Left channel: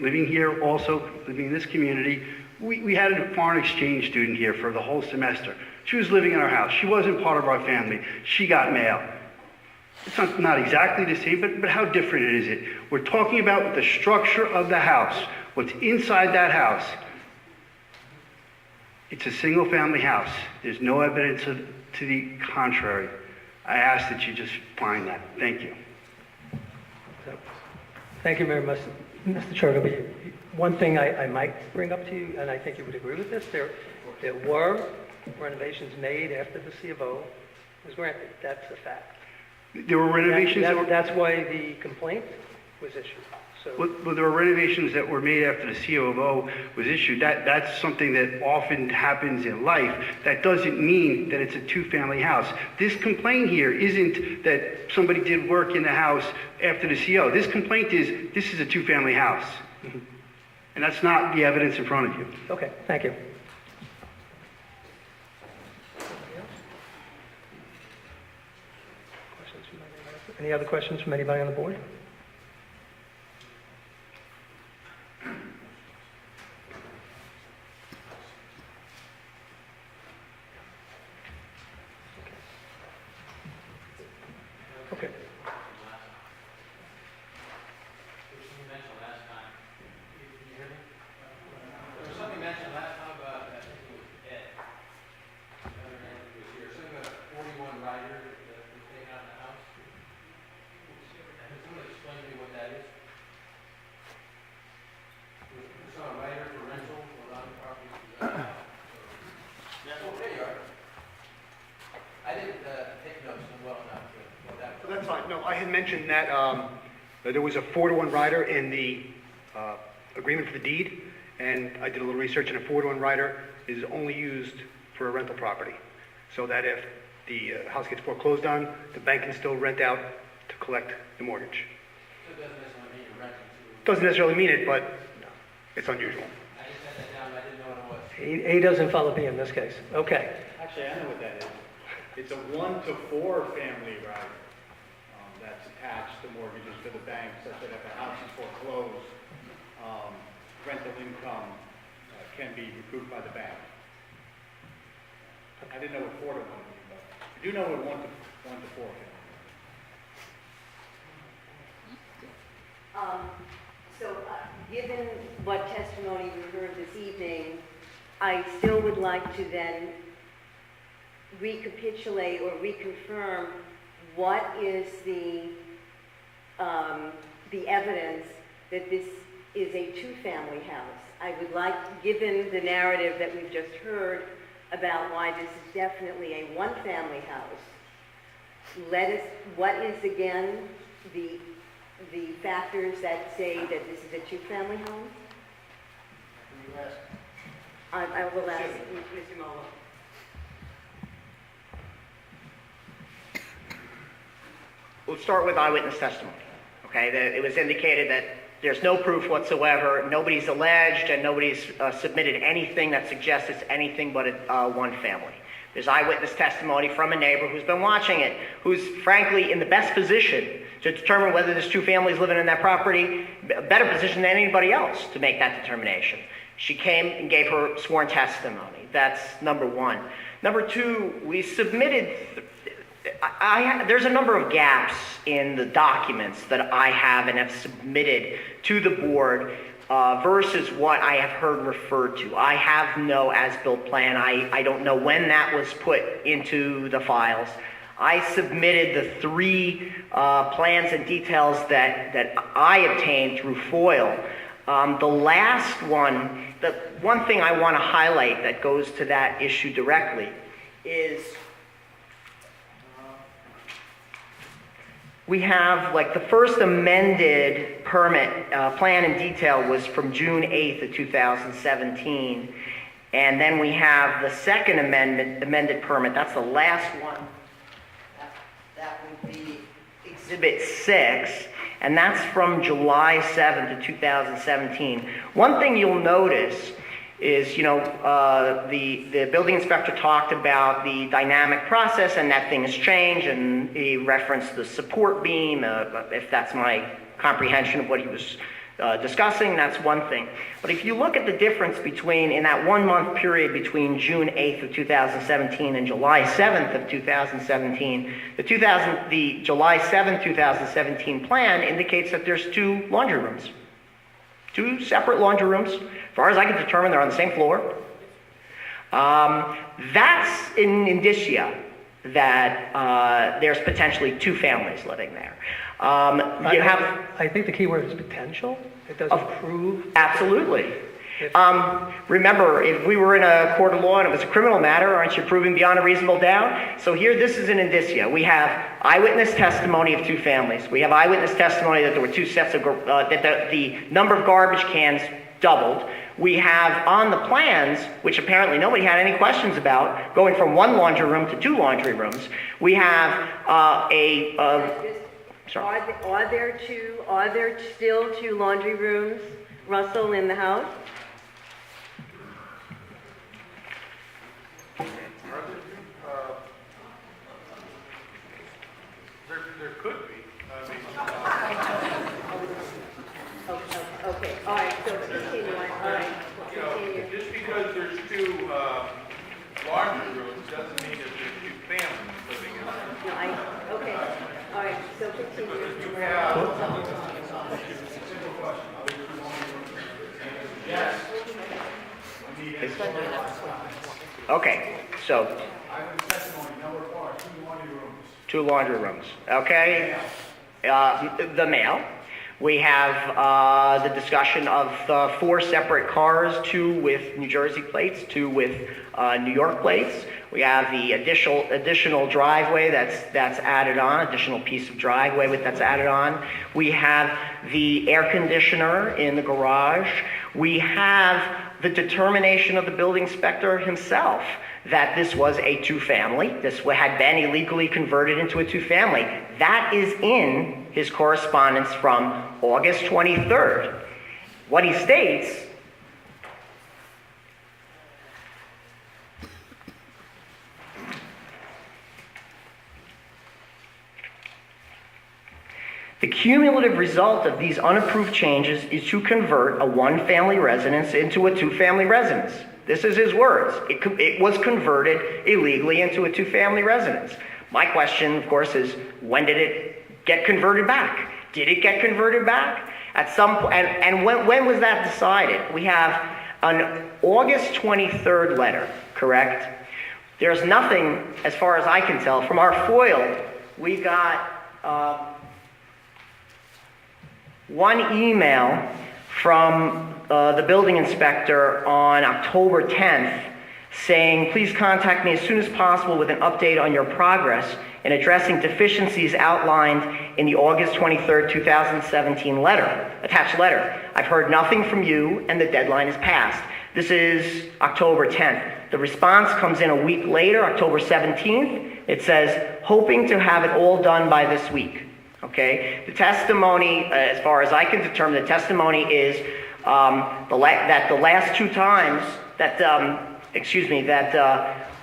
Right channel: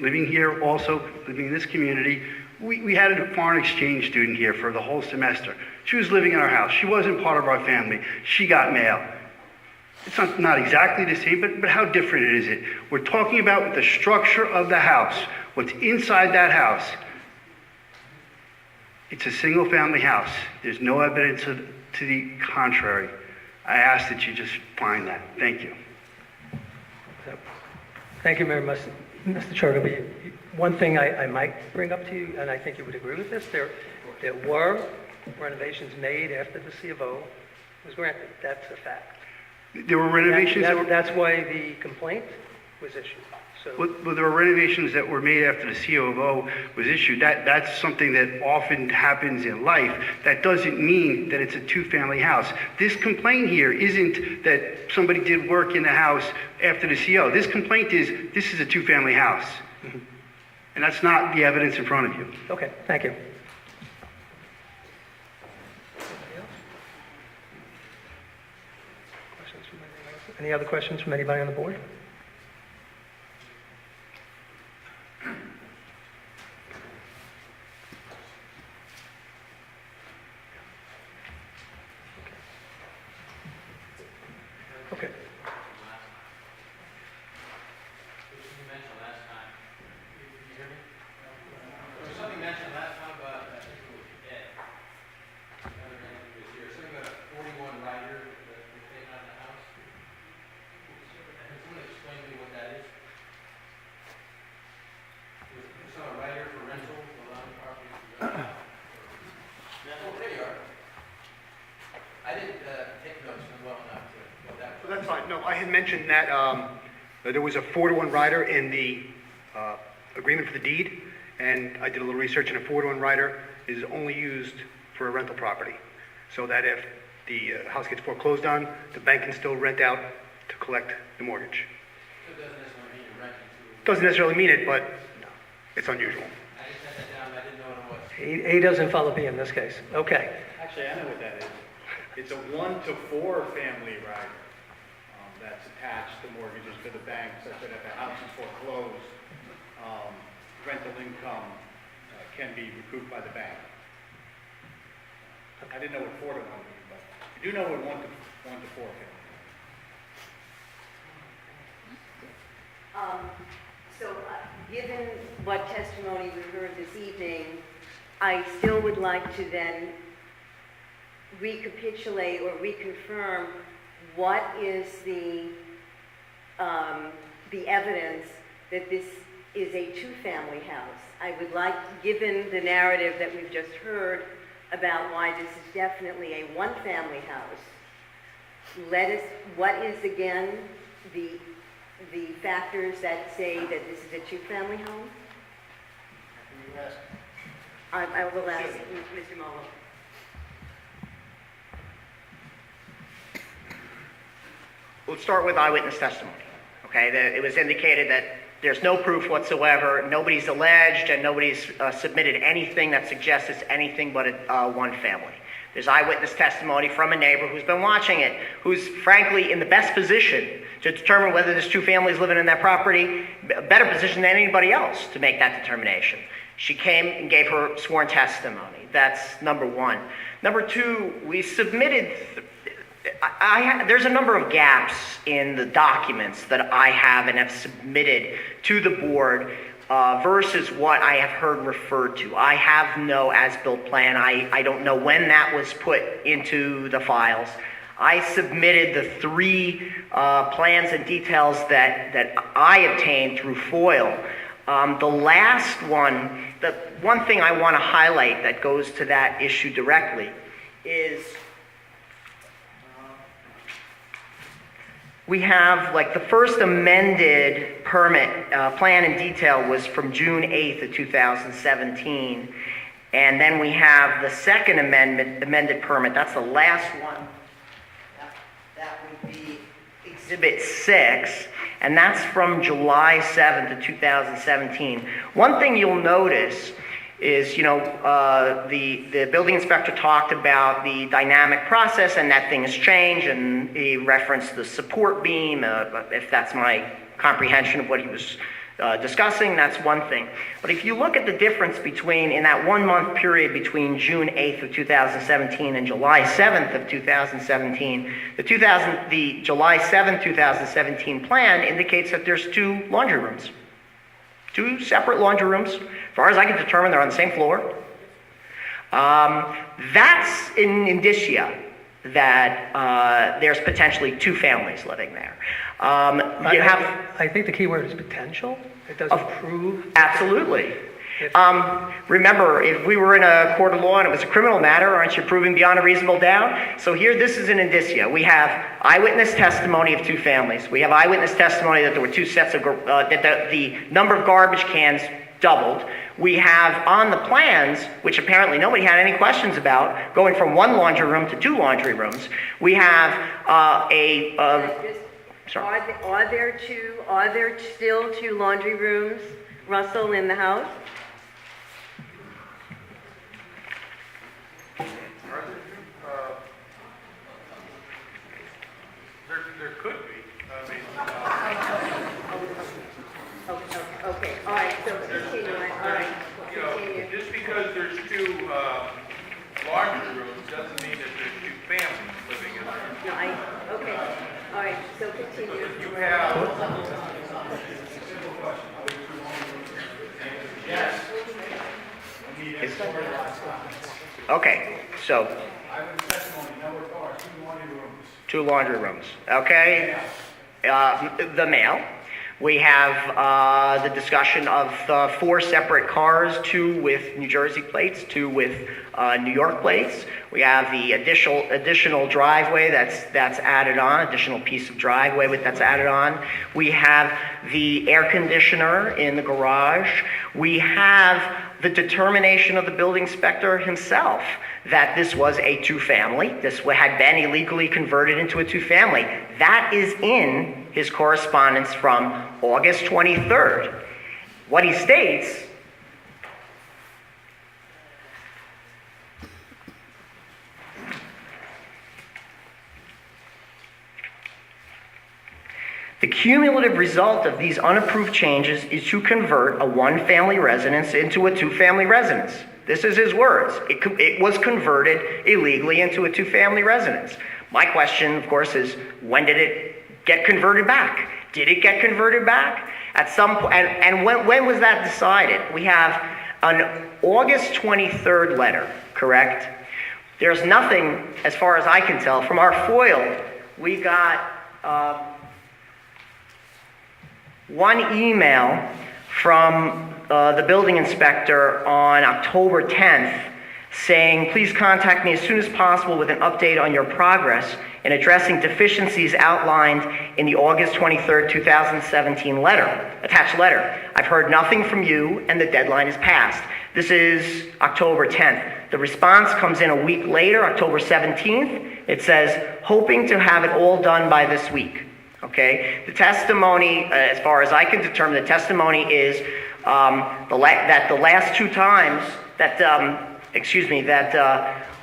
living here, also living in this community. We had a foreign exchange student here for the whole semester. She was living in our house. She wasn't part of our family. She got mail. It's not exactly the same, but how different is it? We're talking about the structure of the house, what's inside that house. It's a single-family house. There's no evidence to the contrary. I ask that you just find that. Thank you. Thank you very much, Mr. Church. One thing I might bring up to you, and I think you would agree with this, there were renovations made after the C of O was granted. That's a fact. There were renovations that's why the complaint was issued. So, well, there were renovations that were made after the COO was issued. That's something that often happens in life. That doesn't mean that it's a two-family house. This complaint here isn't that somebody did work in the house after the CO. This complaint is, this is a two-family house. Mm-hmm. And that's not the evidence in front of you. Okay, thank you. Any other questions from anybody on the board? Okay. That's fine. No, I had mentioned that there was a 4-to-1 rider in the agreement for the deed, and I did a little research, and a 4-to-1 rider is only used for a rental property, so that if the house gets foreclosed on, the bank can still rent out to collect the mortgage. So it doesn't necessarily mean you're renting to... Doesn't necessarily mean it, but it's unusual. I just had that down, I didn't know what it was. He doesn't follow me in this case. Okay. Actually, I know what that is. It's a 1 to 4 family rider that's attached to mortgages to the bank, such that if a house is foreclosed, rental income can be recouped by the bank. I didn't know what 4 to 1 means, but I do know what 1 to 4 means. Given what testimony we heard this evening, I still would like to then recapitulate or reconfirm what is the evidence that this is a two-family house. I would like, given the narrative that we've just heard about why this is definitely a one-family house, what is again the factors that say that this is a two-family home? I will ask Mr. Muller. Let's start with eyewitness testimony. Okay, it was indicated that there's no proof whatsoever, nobody's alleged, and nobody's submitted anything that suggests it's anything but one family. There's eyewitness testimony from a neighbor who's been watching it, who's frankly in the best position to determine whether there's two families living in that property, a better position than anybody else to make that determination. She came and gave her sworn testimony. That's number one. Number two, we submitted, there's a number of gaps in the documents that I have and have submitted to the board versus what I have heard referred to. I have no as-built plan. I don't know when that was put into the files. I submitted the 3 plans and details that I obtained through FOIL. The last one, the one thing I want to highlight that goes to that issue directly is we have, like, the first amended permit plan and detail was from June 8th of 2017. And then we have the second amended permit. That's the last one. That would be Exhibit 6. And that's from July 7th of 2017. One thing you'll notice is, the building inspector talked about the dynamic process and that things change, and he referenced the support beam, if that's my comprehension of what he was discussing, that's one thing. But if you look at the difference between, in that 1 month period between June 8th of 2017 and July 7th of 2017, the July 7th, 2017 plan indicates that there's 2 laundry rooms. 2 separate laundry rooms. As far as I can determine, they're on the same floor. That's an indicia that there's potentially 2 families living there. You have I think the key word is potential. It doesn't prove. absolutely. Remember, if we were in a court of law and it was a criminal matter, aren't you proving beyond a reasonable doubt? So here, this is an indicia. We have eyewitness testimony of 2 families. We have eyewitness testimony that there were 2 sets of that the number of garbage cans doubled. We have on the plans, which apparently nobody had any questions about, going from 1 laundry room to 2 laundry rooms. We have sorry. Are there still 2 laundry rooms, Russell, in the house? There could be. Okay, all right, so continue on, all right, You know, continue. just because there's 2 laundry rooms doesn't mean that there's 2 families living in there. No, okay, all right, so continue. Okay, so Eyewitness testimony, number 4, 2 laundry rooms. 2 laundry rooms. Okay. The mail. We have the discussion of 4 separate cars, 2 with New Jersey plates, 2 with New York plates. We have the additional driveway that's added on, additional piece of driveway that's added on. We have the air conditioner in the garage. We have the determination of the building inspector himself that this was a 2-family. This had been illegally converted into a 2-family. That is in his correspondence from August 23rd. What he states, the cumulative result of these unapproved changes is to convert a 1-family residence into a 2-family residence. This is his words. It was converted illegally into a 2-family residence. My question, of course, is when did it get converted back? Did it get converted back? At some point, and when was that decided? We have an August 23rd letter, correct? There's nothing, as far as I can tell, from our FOIL. We got 1 email from the building inspector on October 10th saying, please contact me as soon as possible with an update on your progress in addressing deficiencies outlined in the August 23rd, 2017 attached letter. I've heard nothing from you and the deadline is passed. This is October 10th. The response comes in a week later, October 17th. It says, hoping to have it all done by this week. Okay? The testimony, as far as I can determine, the testimony is that the last 2 times that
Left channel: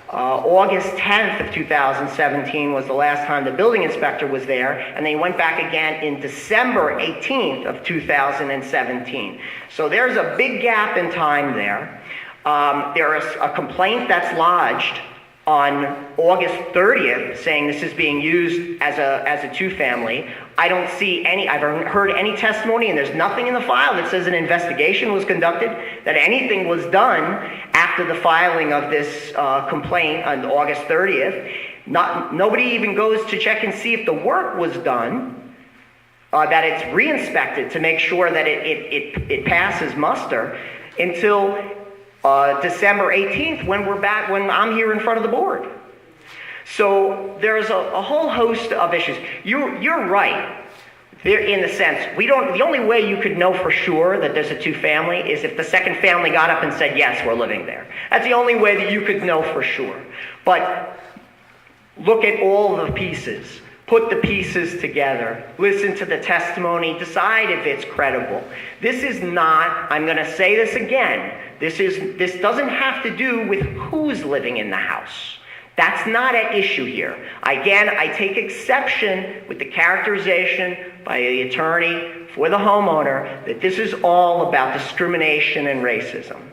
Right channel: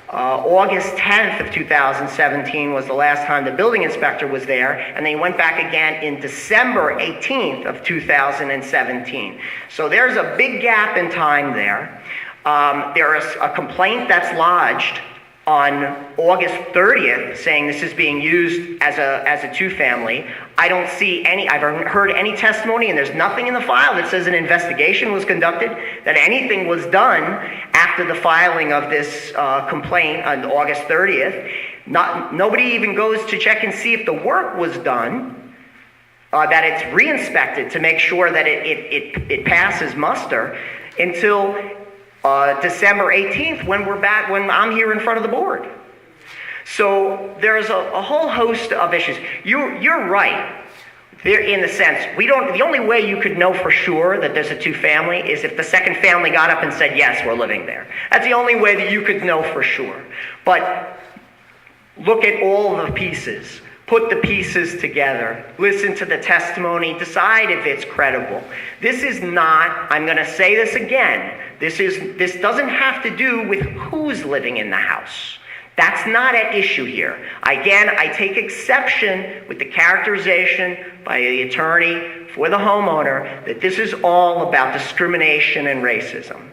August 10th of 2017 was the last time the building inspector was there, and then he went back again in December 18th of 2017. So there's a big gap in time there. There is a complaint that's lodged on August 30th saying this is being used as a 2-family. I don't see any, I've heard any testimony, and there's nothing in the file that says an investigation was conducted, that anything was done after the filing of this complaint on August 30th. Nobody even goes to check and see if the work was done, that it's re-inspected to make sure that it passes muster until December 18th when I'm here in front of the board. So there's a whole host of issues. You're right. In the sense, the only way you could know for sure that there's a 2-family is if the second family got up and said, yes, we're living there. That's the only way that you could know for sure. But look at all the pieces. Put the pieces together. Listen to the testimony. Decide if it's credible. This is not, I'm going to say this again, this doesn't have to do with who's living in the house. That's not at issue here. Again, I take exception with the characterization by the attorney for the homeowner that this is all about discrimination and racism.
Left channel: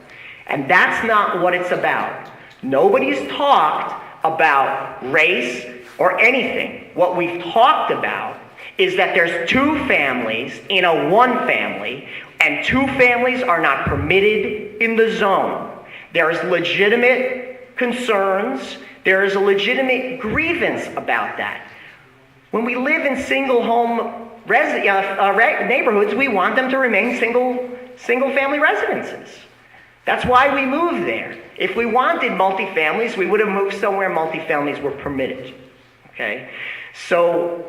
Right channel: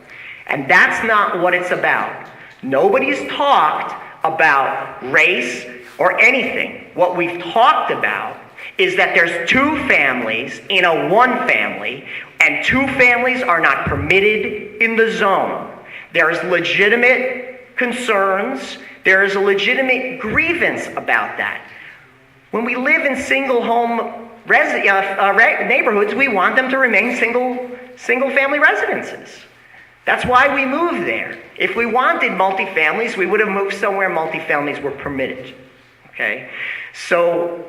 And that's not what it's about. Nobody's talked about race or anything. What we've talked about is that there's two families in a one family, and two families are not permitted in the zone. There's legitimate concerns. There is a legitimate grievance about that. When we live in single home neighborhoods, we want them to remain single family residences. That's why we moved there. If we wanted multifamilies, we would have moved somewhere multifamilies were permitted. Okay? So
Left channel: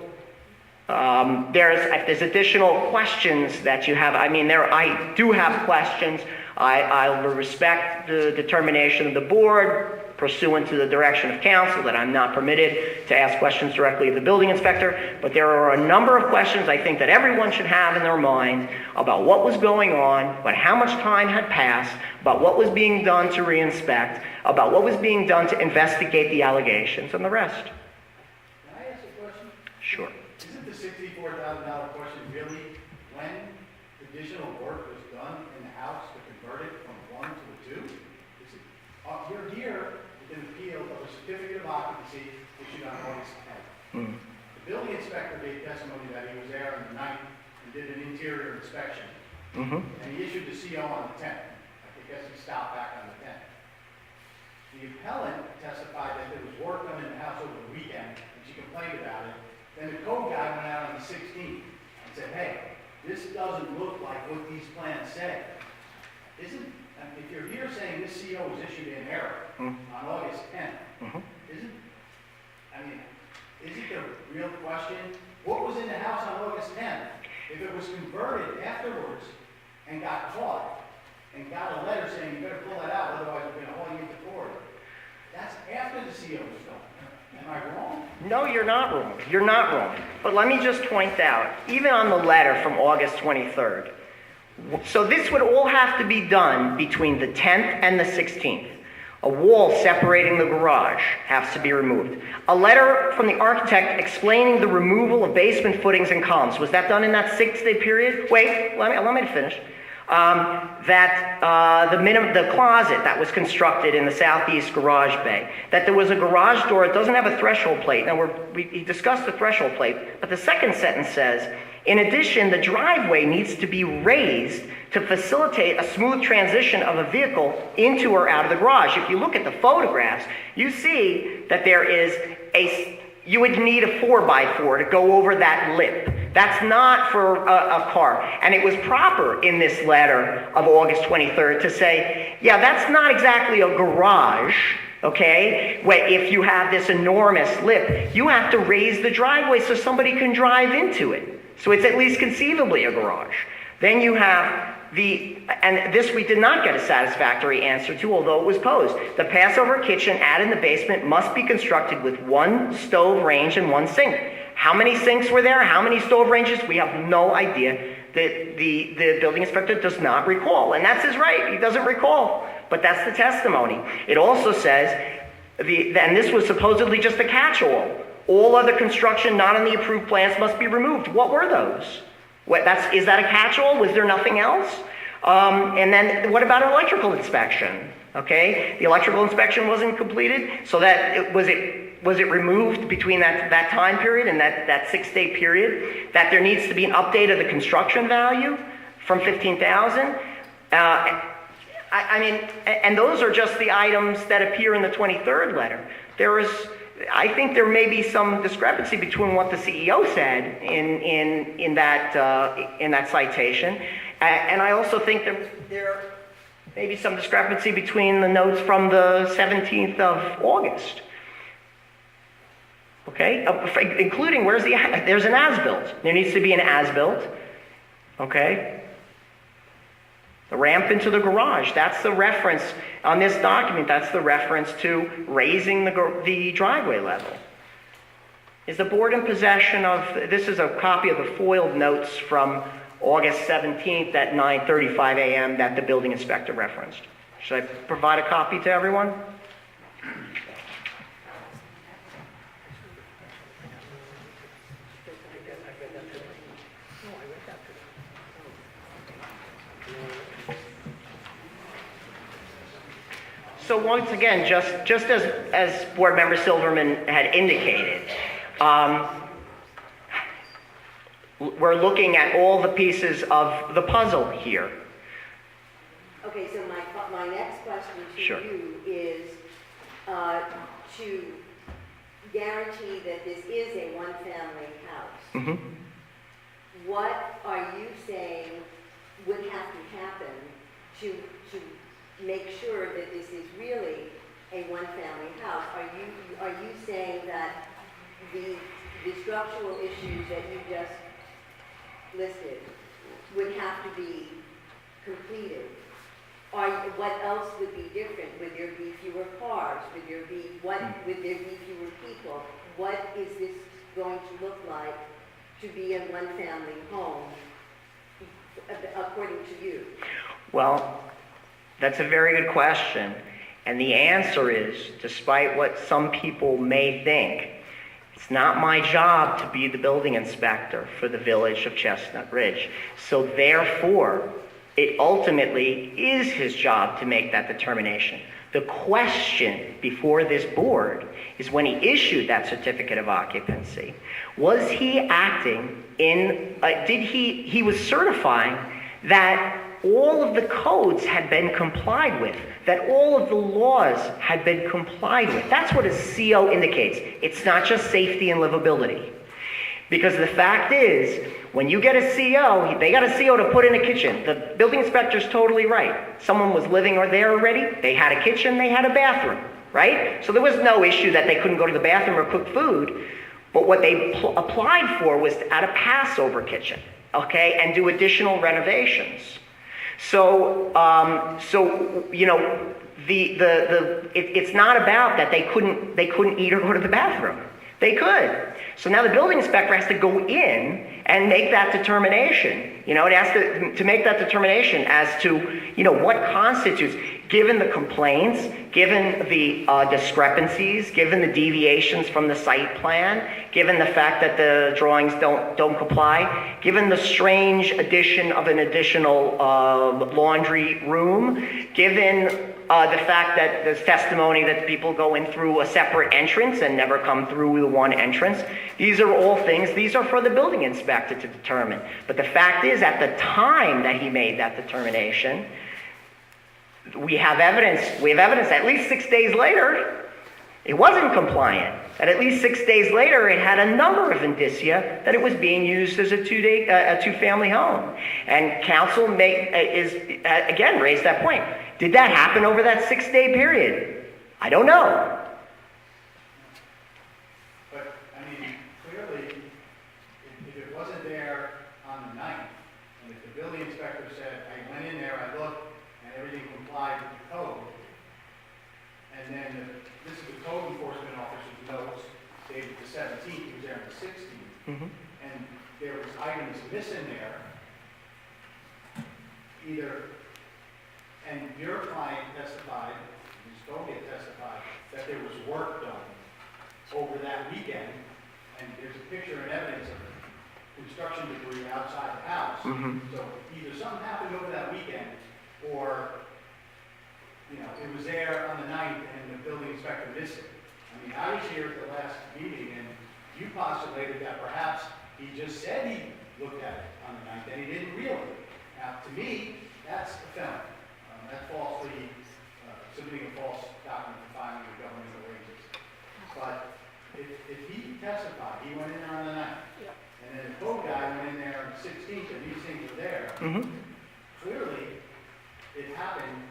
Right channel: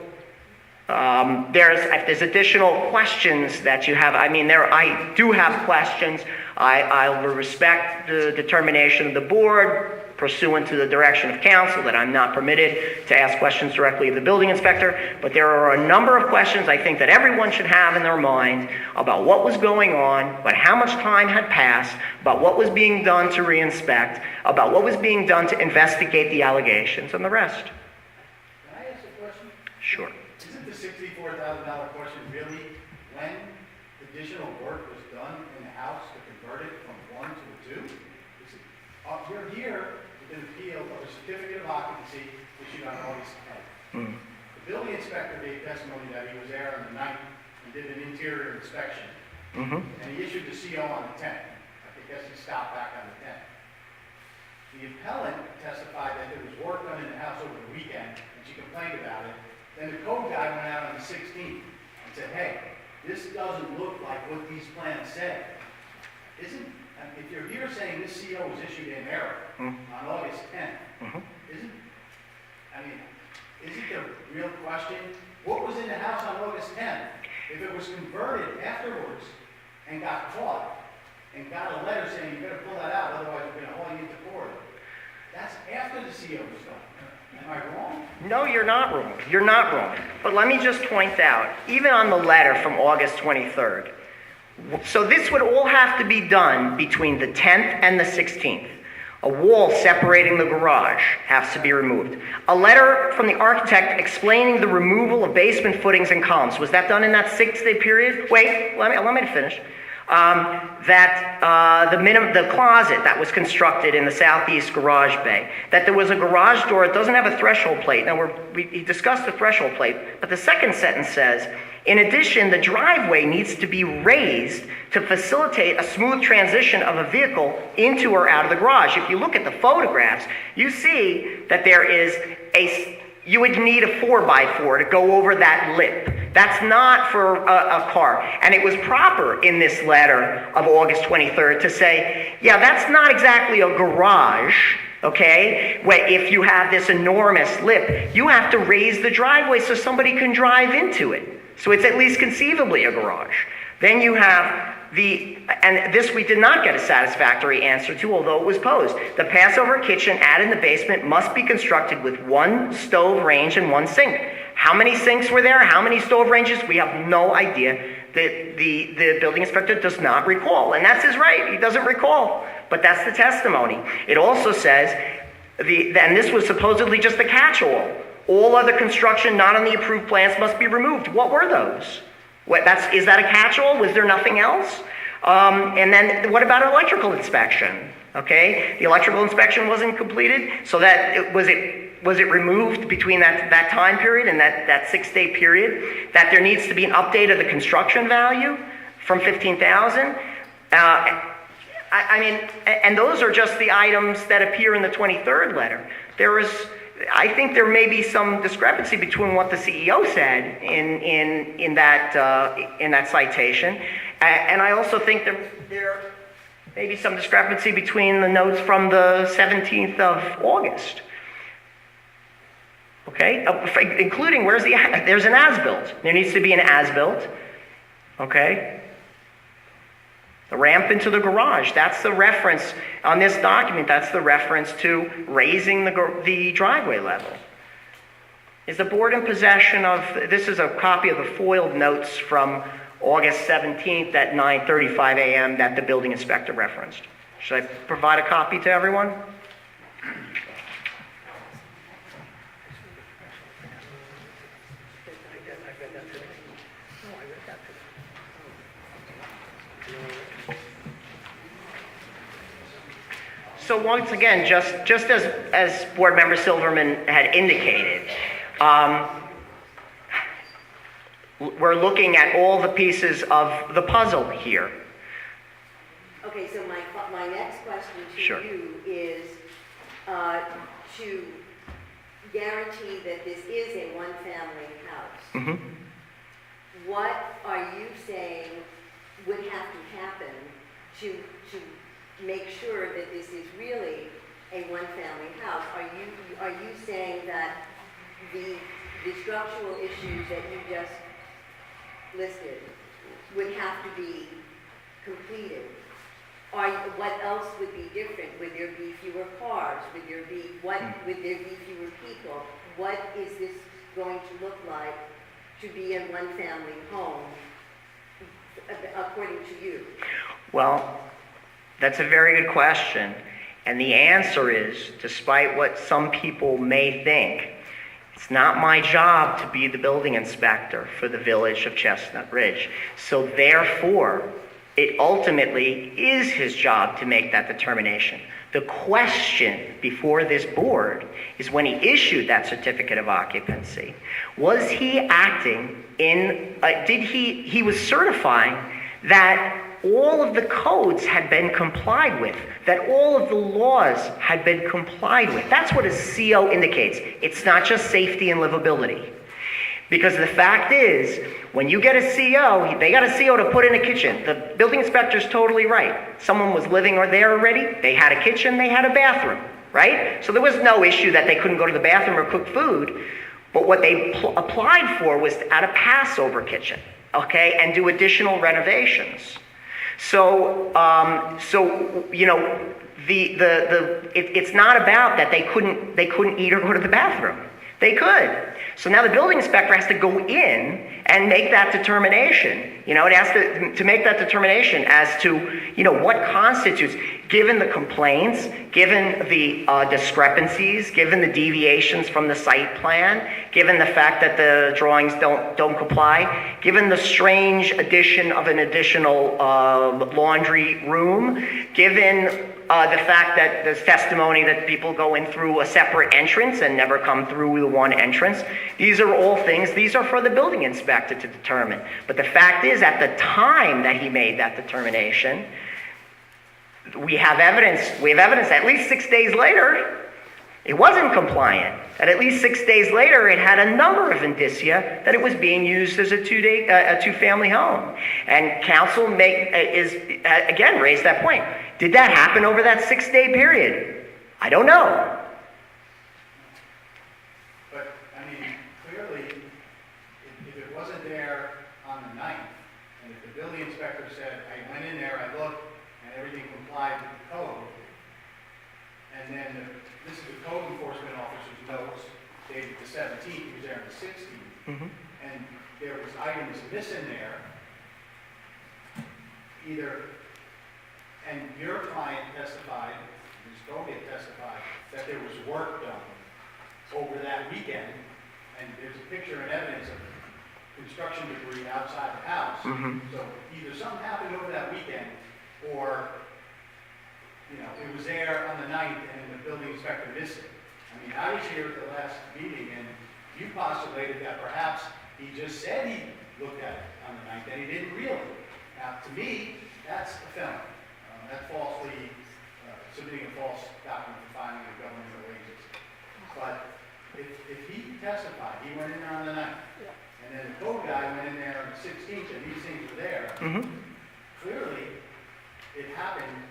if there's additional questions that you have, I do have questions. I will respect the determination of the board pursuant to the direction of counsel that I'm not permitted to ask questions directly of the building inspector, but there are a number of questions I think that everyone should have in their mind about what was going on, about how much time had passed, about what was being done to reinspect, about what was being done to investigate the allegations, and the rest. Can I ask a question? Sure. Isn't the $64,000 question really when additional work was done in the house to convert it from 1 to a 2? You're here with an appeal of a certificate of occupancy issued on August 10th. The building inspector gave testimony that he was there on the 9th and did an interior inspection. And he issued the CO on the 10th. I guess he stopped back on the 10th. The appellant testified that there was work done in the house over the weekend, and she complained about it. Then the code guy went out on the 16th and said, hey, this doesn't look like what these plans say. If you're here saying this CO was issued in error on August 10th, isn't the real question, what was in the house on August 10th? If it was converted afterwards and got caught and got a letter saying you better pull that out, otherwise we're going to haul you into court. That's after the CO was done. Am I wrong? No, you're not wrong. You're not wrong. But let me just point out, even on the letter from August 23rd, so this would all have to be done between the 10th and the 16th. A wall separating the garage has to be removed. A letter from the architect explaining the removal of basement footings and columns. Was that done in that 6-day period? Wait, let me finish. The closet that was constructed in the southeast garage bay, that there was a garage door that doesn't have a threshold plate. Now, we discussed the threshold plate, but the second sentence says, in addition, the driveway needs to be raised to facilitate a smooth transition of a vehicle into or out of the garage. If you look at the photographs, you see that there is you would need a 4x4 to go over that lip. That's not for a car. And it was proper in this letter of August 23rd to say, yeah, that's not exactly a garage, okay? If you have this enormous lip, you have to raise the driveway so somebody can drive into it. So it's at least conceivably a garage. Then you have and this we did not get a satisfactory answer to, although it was posed. The Passover kitchen added in the basement must be constructed with one stove range and one sink. How many sinks were there? How many stove ranges? We have no idea. The building inspector does not recall. And that's his right. He doesn't recall. But that's the testimony. It also says, and this was supposedly just a catch-all. All other construction not on the approved plans must be removed. What were those? Is that a catch-all? Was there nothing else? And then what about electrical inspection? Okay, the electrical inspection wasn't completed, so was it removed between that time period and that 6-day period? That there needs to be an update of the construction value from $15,000. And those are just the items that appear in the 23rd letter. I think there may be some discrepancy between what the CEO said in that citation, and I also think that there may be some discrepancy between the notes from the 17th of August. Okay, including there's an as-built. There needs to be an as-built. Okay. The ramp into the garage, that's the reference on this document, that's the reference to raising the driveway level. Is the board in possession of, this is a copy of the foiled notes from August 17th at 9:35 a.m. that the building inspector referenced. Should I provide a copy to everyone? So once again, just as Board Member Silverman had indicated, we're looking at all the pieces of the puzzle here. Okay, so my next question to Sure. you is to guarantee that this is a one-family house. Mhm. What are you saying would have to happen to make sure that this is really a one-family house? Are you saying that the structural issues that you just listed would have to be completed? What else would be different? Would there be fewer cars? Would there be fewer people? What is this going to look like to be a one-family home, according to you? Well, that's a very good question. And the answer is, despite what some people may think, it's not my job to be the building inspector for the village of Chestnut Ridge. So therefore, it ultimately is his job to make that determination. The question before this board is, when he issued that certificate of occupancy, was he acting in, he was certifying that all of the codes had been complied with, that all of the laws had been complied with. That's what a CO indicates. It's not just safety and livability. Because the fact is, when you get a CO, they got a CO to put in a kitchen. The building inspector's totally right. Someone was living there already, they had a kitchen, they had a bathroom, right? So there was no issue that they couldn't go to the bathroom or cook food. But what they applied for was to add a Passover kitchen, okay, and do additional renovations. So, you know, it's not about that they couldn't eat or go to the bathroom. They could. So now the building inspector has to go in and make that determination. You know, it has to make that determination as to, you know, what constitutes, given the complaints, given the discrepancies, given the deviations from the site plan, given the fact that the drawings don't comply, given the strange addition of an additional laundry room, given the fact that there's testimony that people go in through a separate entrance and never come through the one entrance. These are all things, these are for the building inspector to determine. But the fact is, at the time that he made that determination, we have evidence at least 6 days later, it wasn't compliant. And at least 6 days later, it had a number of indicia that it was being used as a two-family home. And council again raised that point. Did that happen over that 6-day period? I don't know. But, I mean, clearly, if it wasn't there on the 9th, and if the building inspector said, I went in there, I looked, and everything complied with the code, and then this is the code enforcement officer's notes, dated the 17th, he was there on the 16th, and there was items missing there, and your client testified, Ms. Goget testified, that there was work done over that weekend, and there's a picture and evidence of construction debris outside the house. So either something happened over that weekend, or, you know, it was there on the 9th and the building inspector missed it. I mean, I was here at the last meeting, and you postulated that perhaps he just said he looked at it on the 9th, and he didn't really. Now, to me, that's a felony. That's falsely submitting a false document for filing a governmental agency. But if he testified, he went in there on the 9th, and then the code guy went in there on the 16th, and these things were there, clearly it happened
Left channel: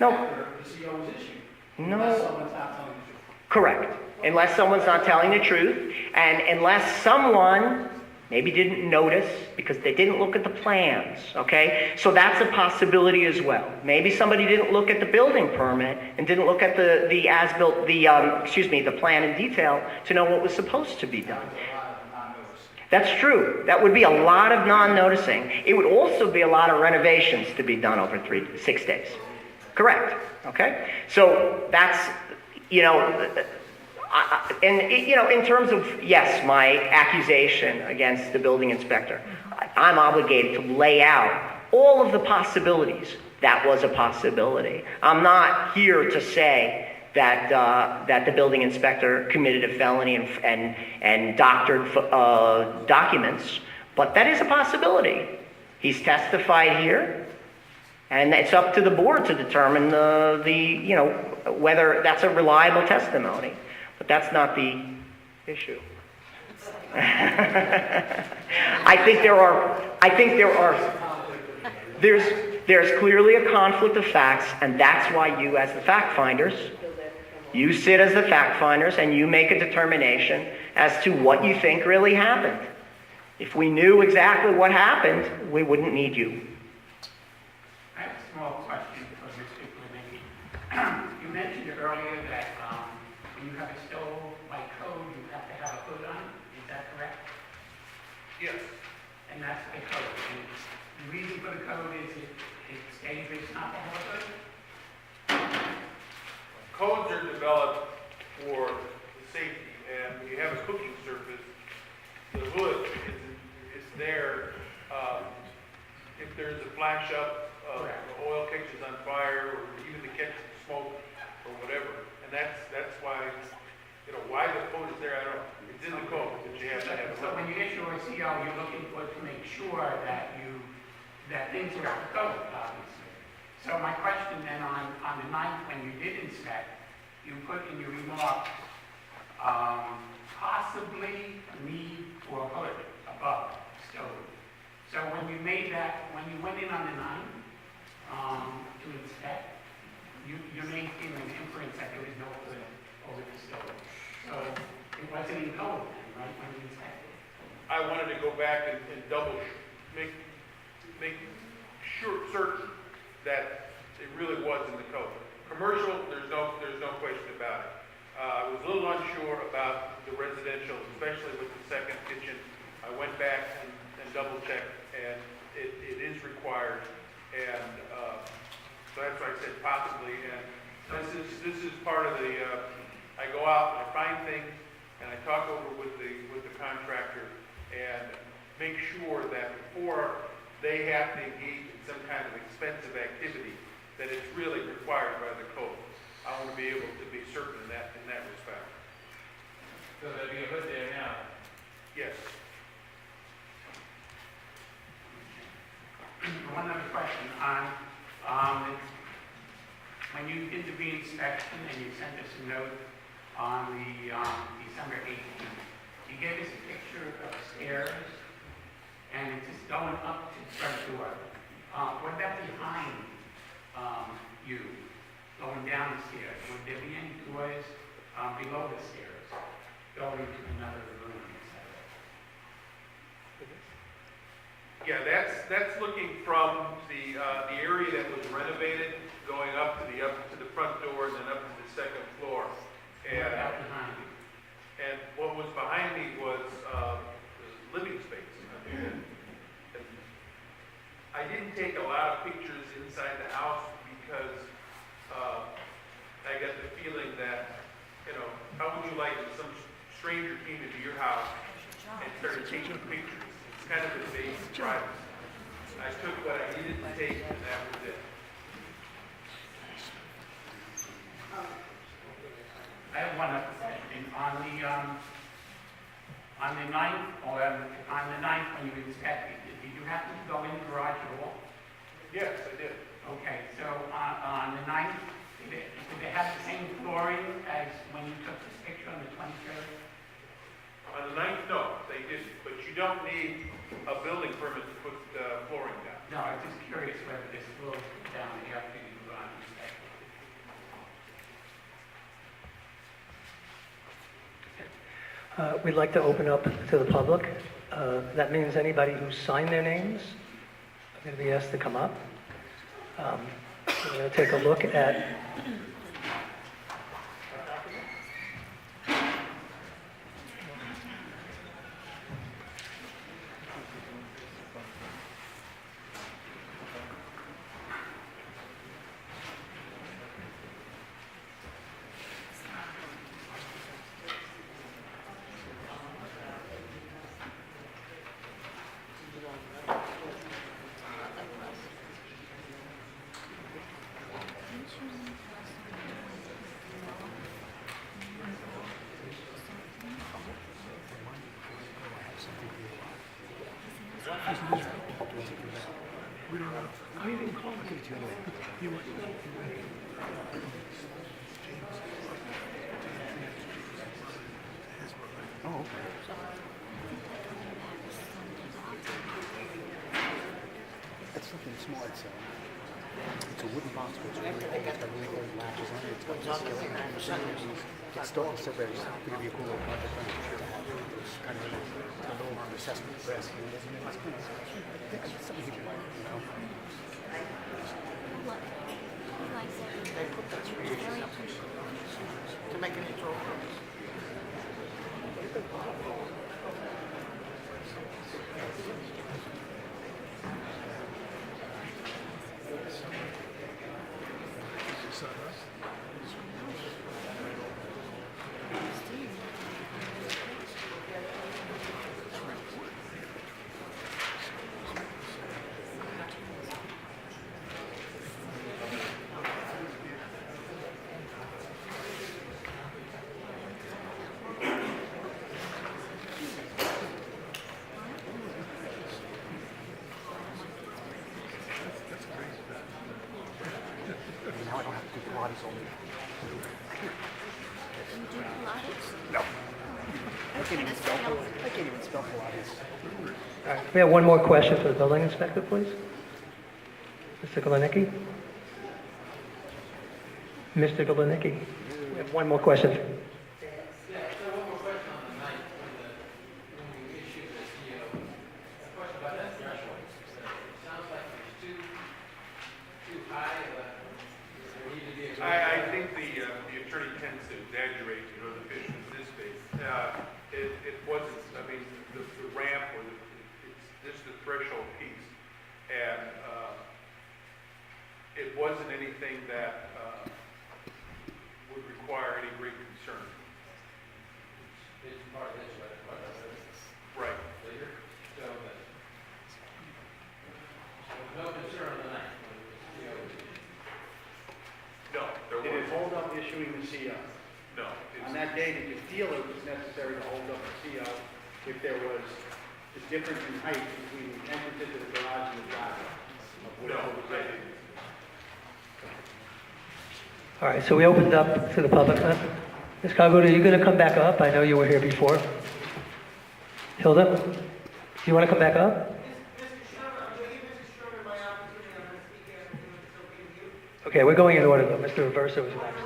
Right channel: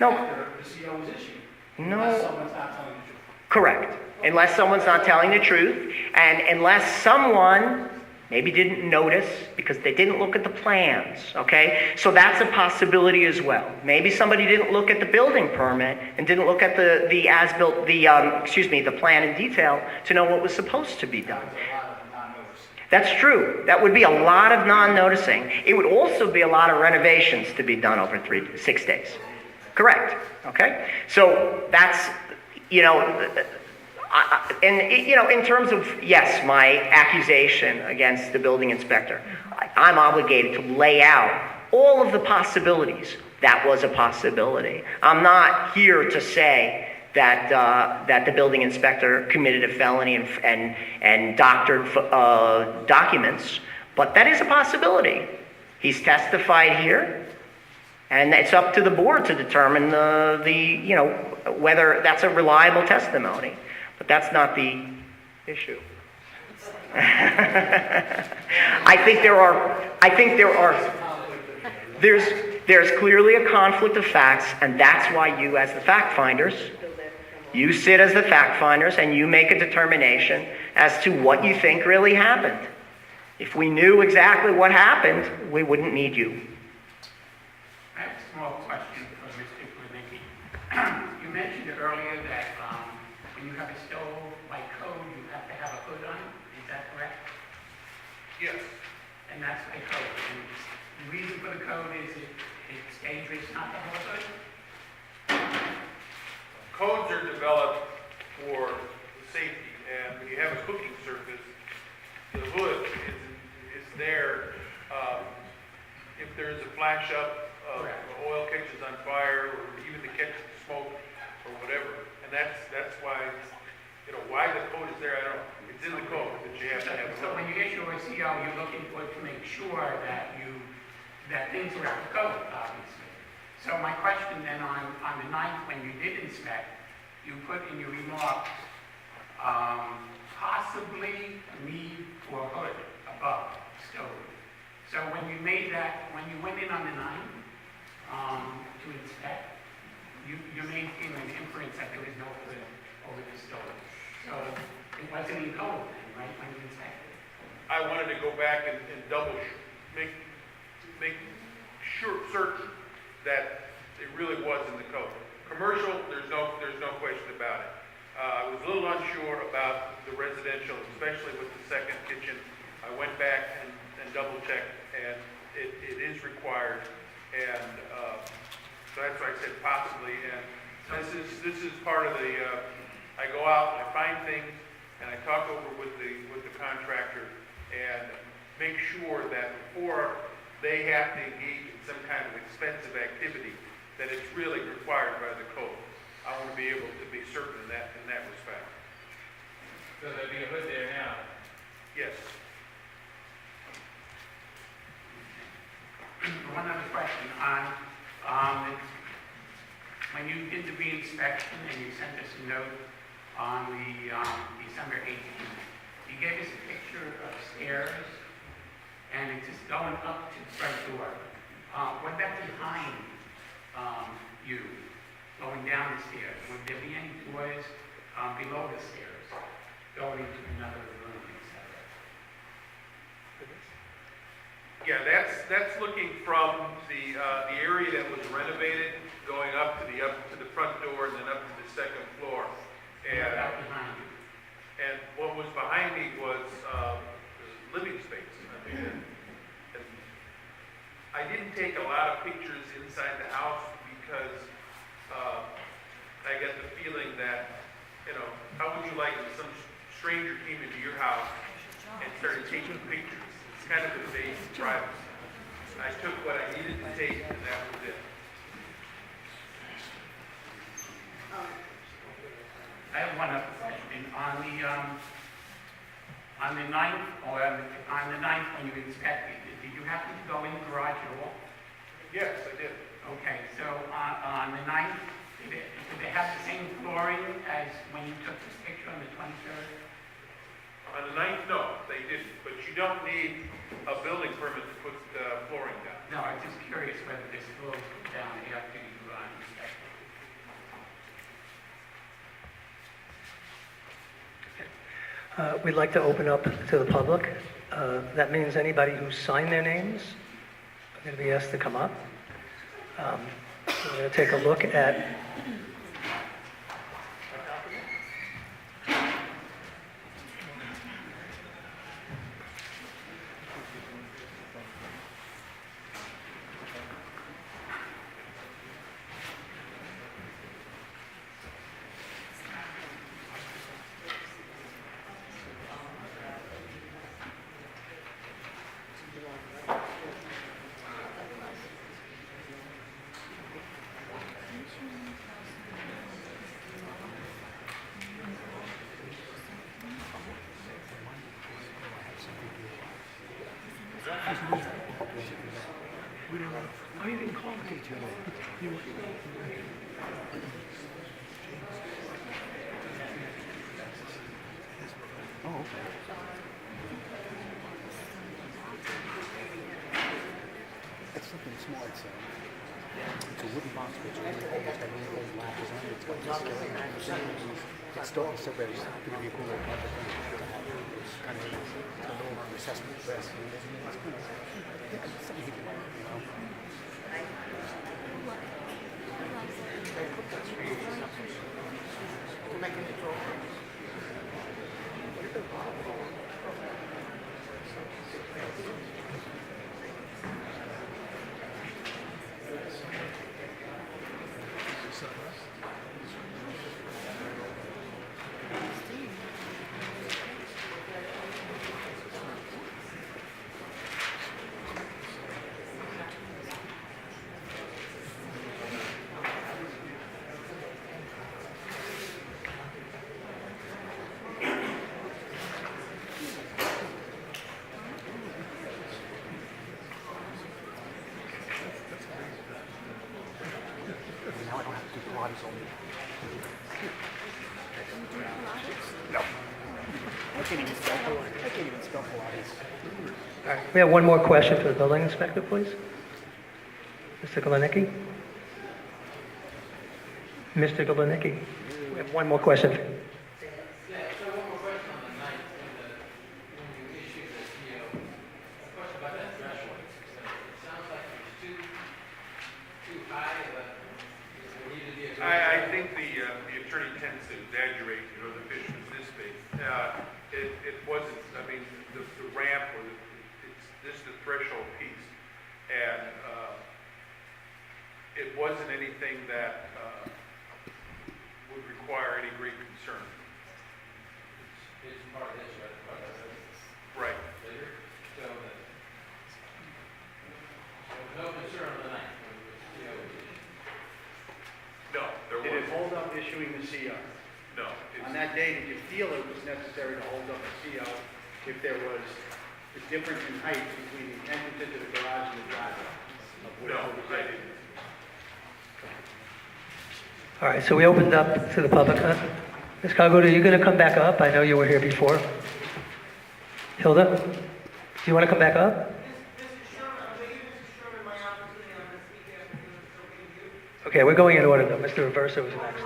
after the CO was issued. Unless someone's not telling the truth. Correct. Unless someone's not telling the truth, and unless someone maybe didn't notice because they didn't look at the plans, okay? So that's a possibility as well. Maybe somebody didn't look at the building permit and didn't look at the as-built, the plan in detail to know what was supposed to be done. That's true. That would be a lot of non-noticing. It would also be a lot of renovations to be done over 6 days. Correct. Okay? So that's, you know, in terms of, yes, my accusation against the building inspector, I'm obligated to lay out all of the possibilities that was a possibility. I'm not here to say that that the building inspector committed a felony and doctored documents, but that is a possibility. He's testified here, and it's up to the board to determine whether that's a reliable testimony. But that's not the issue. There's clearly a conflict of facts, and that's why you, as the fact finders, you sit as the fact finders and you make a determination as to what you think really happened. If we knew exactly what happened, we wouldn't need you. I have a small question for Mr. Clementi. You mentioned earlier that when you have a stove by code, you have to have a hood on it. Is that correct? Yes. And that's the code. And the reason for the code is it's dangerous not to have a hood? Codes are developed for safety, and when you have a cooking surface, the hood is there. If there's a flash up, the oil catches on fire, or even to catch the smoke, or whatever. And that's why it's, why the code is there, I don't know. It's in the code that you have to have a So hood. when you issue a CO, you're looking for it to make sure that things are up to code, obviously. So my question then on the 9th, when you did inspect, you put in your remarks, possibly need for hood above stove. So when you made that, when you went in on the 9th to inspect, you made an inference that there was no hood over the stove. So it wasn't in code then, right, when you inspected? I wanted to go back and double, make sure, certain that it really was in the code. Commercial, there's no question about it. I was a little unsure about the residential, especially with the second kitchen. I went back and double checked, and it is required. And so that's why I said possibly. And this is part of the. I go out and I find things, and I talk over with the contractor and make sure that before they have to engage in some kind of expensive activity, that it's really required by the code. I want to be able to be certain in that respect. So there'll be a hood there now. Yes. One other question when you did the re-inspection and you sent us a note on the December 18th, you gave us a picture of stairs and it's just going up to the front door. What about behind you, going down the stairs? Would there be any doors below the stairs going into another room, etc.? Yeah, that's looking from the area that was renovated, going up to the front door and then up to the second floor. What about behind you? And what was behind me was living space. And I didn't take a lot of pictures inside the house because I got the feeling that, how would you like if some stranger came into your house and started taking pictures? It's kind of invasion of privacy. I took what I needed to take, and that was it. I have one other question. On the 9th, or on the 9th when you inspected, did you happen to go in the garage at all? Yes, I did. Okay, so on the 9th, did it have the same flooring as when you took this picture on the 23rd? On the 9th, no, they didn't. But you don't need a building permit to put flooring down. No, I was just curious whether this floor was down after you inspected. We'd like to open up to the public. That means anybody who signed their names are going to be asked to come up. We're going to take a look at It's something small. It's a wooden box, but it's really old. It's got really old latches on it. It's got this skeleton and everything. It's starting to separate. It's going to be a cool little project to have. It's kind of neat. It's got a little recessment press. And it's kind of, it's something you can like, you know. Now I don't have to do Pilates all week. No. I can't even spell Pilates. All right, we have one more question for the building inspector, please. Mr. Galenicki? Mr. Galenicki, we have one more question. Yeah, so one more question on the night when you issued the CO. A question about that threshold. It sounds like it's too high, but there needed to be a. I think the attorney tends to exaggerate, the picture is this big. It wasn't, I mean, the ramp was, this is the threshold piece. And it wasn't anything that would require any great concern. It's part of this, right? Part of that. Right. Later. So, but no concern on the night when the CO was issued. No, there Did it was, hold up issuing the CO? no. On that day, did you feel it was necessary to hold up the CO if there was a difference in height between the entrance into the garage and the driveway? No, I didn't. All right, so we opened up to the public. Ms. Calgood, are you going to come back up? I know you were here before. Hilda, do you want to come back up? Okay, we're going in order, though. Mr. Reversa was next.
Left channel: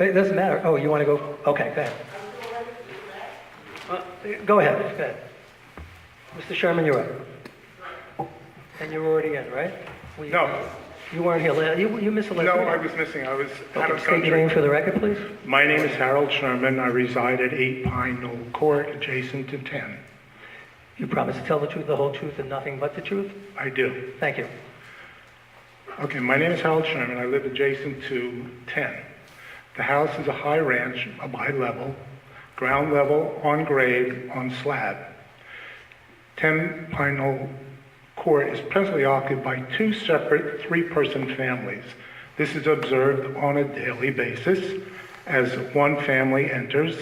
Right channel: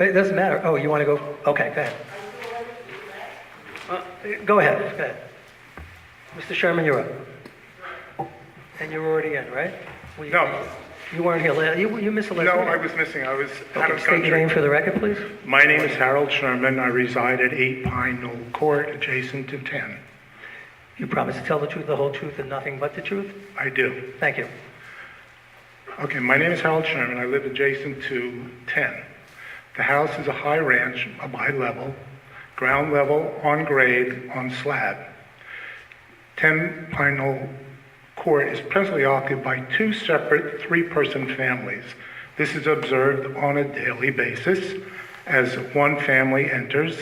It doesn't matter. Oh, you want to go? Okay, go ahead. Go ahead. Go ahead. Mr. Sherman, you're up. And you were already in, right? No, You weren't here. You missed a no, lesson. I was missing. I was out Okay, of state your name country. for the record, please. My name is Harold Sherman. I reside at 8 Pine Knoll Court, adjacent to 10. You promise to tell the truth, the whole truth, and nothing but the truth? I do. Thank you. Okay, my name is Harold Sherman. I live adjacent to 10. The house is a high ranch, a bi-level, ground level, on grade, on slab. 10 Pine Knoll Court is presently occupied by two separate three-person families. This is observed on a daily basis as one family enters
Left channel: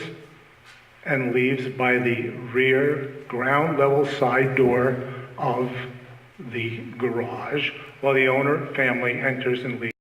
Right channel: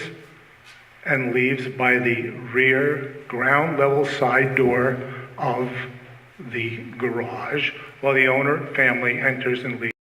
and leaves by the rear ground level side door of the garage, while the owner family enters and leaves